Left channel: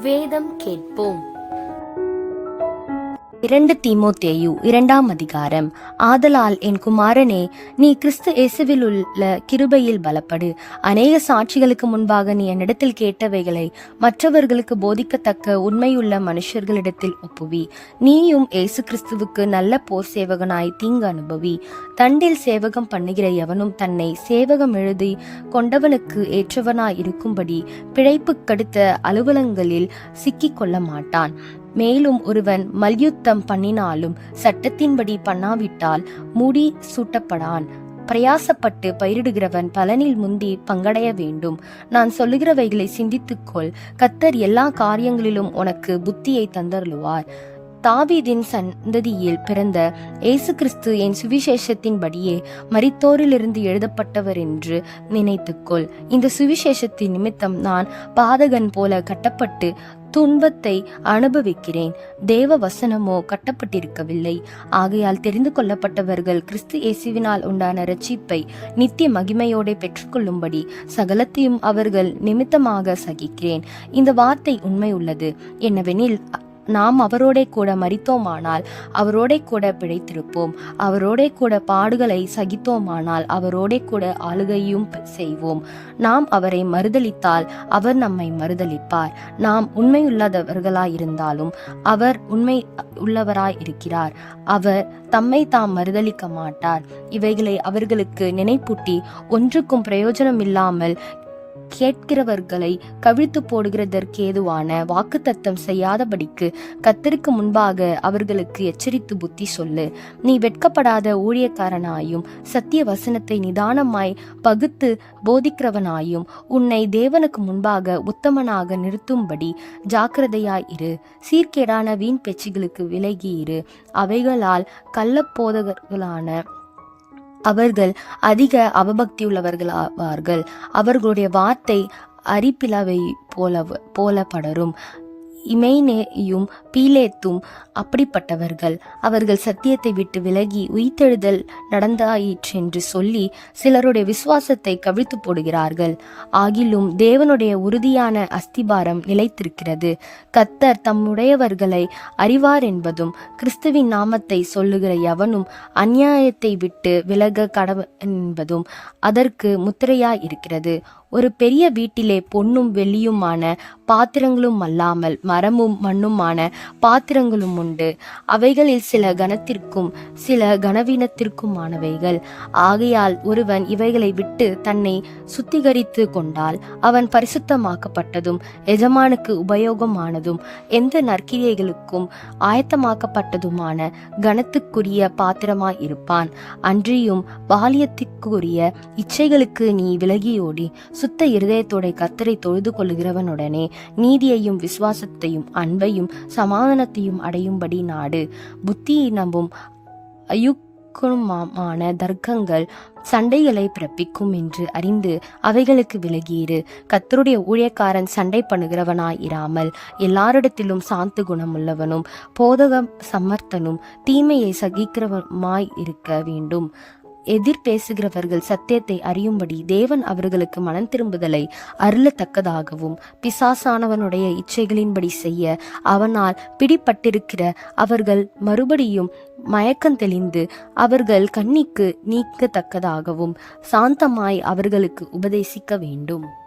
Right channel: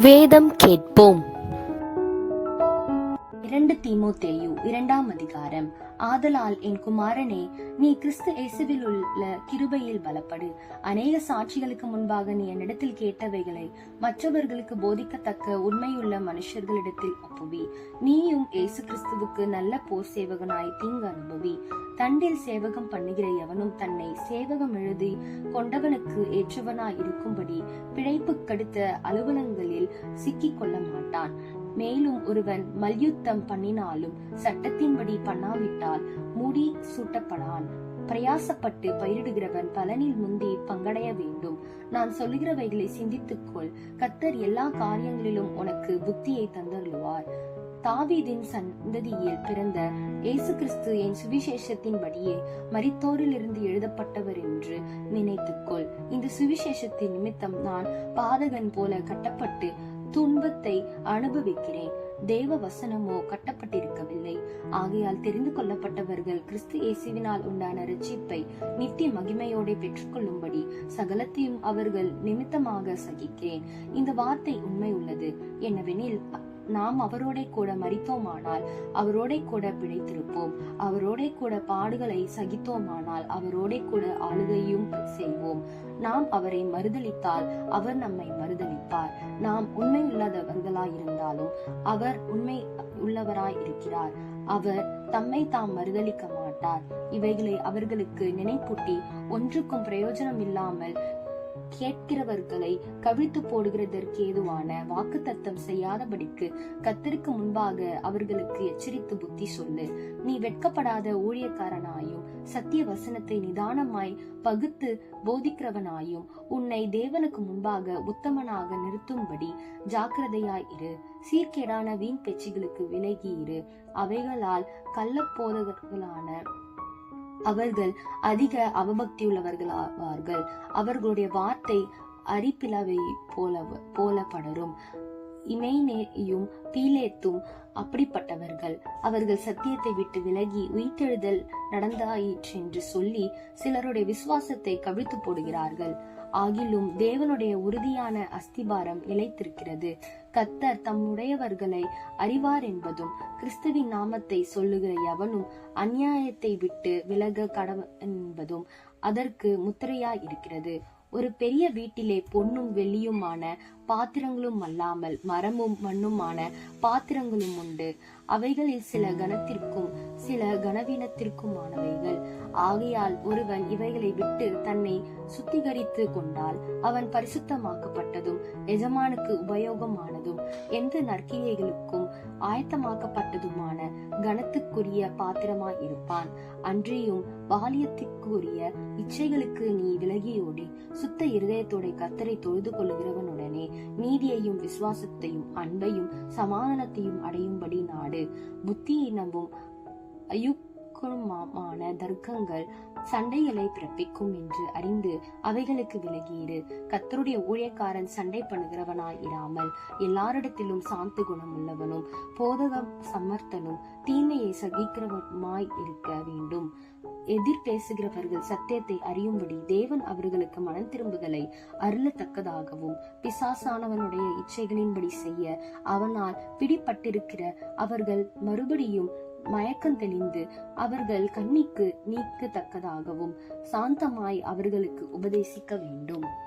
வேதம் கேட்போம். இரண்டு தீமோத்தேயு இரண்டாம் அதிகாரம். ஆதலால் என் குமாரனே நீ கிறிஸ்து இயேசுவில் உள்ள கிருபையில் பலப்படு. அநேக சாட்சிகளுக்கு முன்பாக நீ என்னிடத்தில் கேட்டவைகளை மற்றவர்களுக்கு போதிக்கத்தக்க உண்மையுள்ள மனுஷர்களிடத்தில் ஒப்புவி. நீயும் இயேசு கிறிஸ்துவுக்கு நல்ல போர் சேவகனாய் தீங்கு அனுபவி. தண்டில் சேவகம் பண்ணுகிற எவனும் தன்னை சேவகம் எழுதி கொண்டவனுக்கு ஏற்றவனாய் இருக்கும்படி பிழைப்பு கடுத்த அலுவலங்களில் சிக்கிக் கொள்ள மாட்டான் மேலும் ஒருவன் மல்யுத்தம் பண்ணினாலும் சட்டத்தின்படி பண்ணாவிட்டால் முடி சூட்டப்படான். பிரயாசப்பட்டு பயிரிடுகிறவன் பலனில் முந்தி பங்கடைய வேண்டும். நான் சொல்லுகிறவைகளை சிந்தித்துக்கொள். கத்தர் எல்லா காரியங்களிலும் உனக்கு புத்தியை தந்தருளுவார். தாவீதின் சந்ததியில் பிறந்த இயேசு கிறிஸ்து என் சுவிசேஷத்தின்படியே மரித்தோரிலிருந்து எழுதப்பட்டவர் என்று நினைத்துக்கொள். இந்த சுவிசேஷத்தின் நிமித்தம் நான் பாதகன் போல கட்டப்பட்டு துன்பத்தை அனுபவிக்கிறேன். தேவ வசனமோ கட்டப்பட்டிருக்கவில்லை. ஆகையால் தெரிந்து கொள்ளப்பட்டவர்கள் கிறிஸ்து இயேசுவினால் உண்டான ரட்சிப்பை நித்திய மகிமையோட பெற்றுக்கொள்ளும்படி சகலத்தையும் அவர்கள் நிமித்தமாக சகிக்கிறேன். இந்த வார்த்தை உண்மை உள்ளது. என்னவெனில் நாம் அவரோடே கூட மறித்தோமானால் அவரோடே கூட பிழைத்திருப்போம். அவரோடே கூட பாடுகளை சகித்தோமானால் அவரோடே கூட ஆளுகையும் செய்வோம். நாம் அவரை மறுதலித்தால் அவர் நம்மை மறுதலிப்பார். நாம் உண்மையுள்ளதவர்களாயிருந்தாலும் அவர் உண்மை உள்ளவராய் இருக்கிறார் அவர் தம்மை தாம் மறுதலிக்க மாட்டார். இவைகளை அவர்களுக்கு நினைப்பூட்டி ஒன்றுக்கும் பிரயோஜனம் இல்லாமல் கேட்கிறவர்களை கவிழ்த்து போடுகிறதற்கு ஏதுவான வாக்குத்தத்தம் செய்யாதபடிக்கு கத்தருக்கு முன்பாக அவர்களுக்கு எச்சரித்து புத்தி சொல்லு. நீ வெட்கப்படாத ஊழியக்காரனாயும் சத்திய வசனத்தை நிதானமாய் பகுத்து போதிக்கிறவனாயும் உன்னை தேவனுக்கு முன்பாக உத்தமனாக நிறுத்தும்படி ஜாக்கிரதையாய் இரு. சீர்கேடான வீண் பேச்சுகளுக்கு விலகி இரு. அவைகளால் கள்ளப்போதகர்களான அவர்கள் அதிக அவபக்தியுள்ளவர்களாவார்கள். அவர்களுடைய வார்த்தை அரிப்பிலவை போல போல படரும் இமைனேயும் பீலேத்தும் அப்படிப்பட்டவர்கள். அவர்கள் சத்தியத்தை விட்டு விலகி உயிர்த்தெழுதல் நடந்தாயிற்றென்று சொல்லி சிலருடைய விசுவாசத்தை கவிழ்த்து போடுகிறார்கள். ஆகிலும் தேவனுடைய உறுதியான அஸ்திபாரம் நிலைத்திருக்கிறது. கத்தர் தம்முடையவர்களை அறிவார் என்பதும் கிறிஸ்துவின் நாமத்தை சொல்லுகிற எவனும் அந்நியாயத்தை விட்டு விலக கடவு என்பதும் அதற்கு முத்திரையாய் இருக்கிறது ஒரு பெரிய வீட்டிலே பொன்னும் வெள்ளியுமான பாத்திரங்களும் அல்லாமல் மரமும் மண்ணுமான பாத்திரங்களும் உண்டு. அவைகளில் சில கனத்திற்கும் சில கனவீனத்திற்குமானவைகள். ஆகையால் ஒருவன் இவைகளை விட்டு தன்னை சுத்திகரித்து கொண்டால் அவன் பரிசுத்தமாக்கப்பட்டதும் எஜமானுக்கு உபயோகமானதும் எந்த நற்கிரியைகளுக்கும் ஆயத்தமாக்கப்பட்டதுமான கனத்துக்குரிய பாத்திரமாய் இருப்பான் அன்றியும் பாலியத்திற்குரிய இச்சைகளுக்கு நீ விலகியோடி சுத்த இருதயத்தோட கத்தரை தொழுது கொள்கிறவனுடனே நீதியையும் விசுவாசத்தையும் அன்பையும் சமாதானத்தையும் அடையும்படி நாடு. புத்தியை நம்பும் அயுக்குமான தர்க்கங்கள் சண்டைகளை பிறப்பிக்கும் என்று அறிந்து அவைகளுக்கு விலகியிரு. கத்தருடைய ஊழியக்காரன் சண்டை பண்ணுகிறவனாய் இராமல் எல்லாரிடத்திலும் சாந்த குணமுள்ளவனும் போதகம் சமர்த்தனும் தீமையை சகிக்கிறவமாய் இருக்க வேண்டும். எதிர் பேசுகிறவர்கள் சத்தியத்தை அறியும்படி தேவன் அவர்களுக்கு மனம் திரும்புதலை அருளத்தக்கதாகவும் பிசாசானவனுடைய இச்சைகளின்படி செய்ய அவனால் பிடிப்பட்டிருக்கிற அவர்கள் மறுபடியும் மயக்கம் தெளிந்து அவர்கள் கண்ணிக்கு நீக்கத்தக்கதாகவும் சாந்தமாய் அவர்களுக்கு உபதேசிக்க வேண்டும்.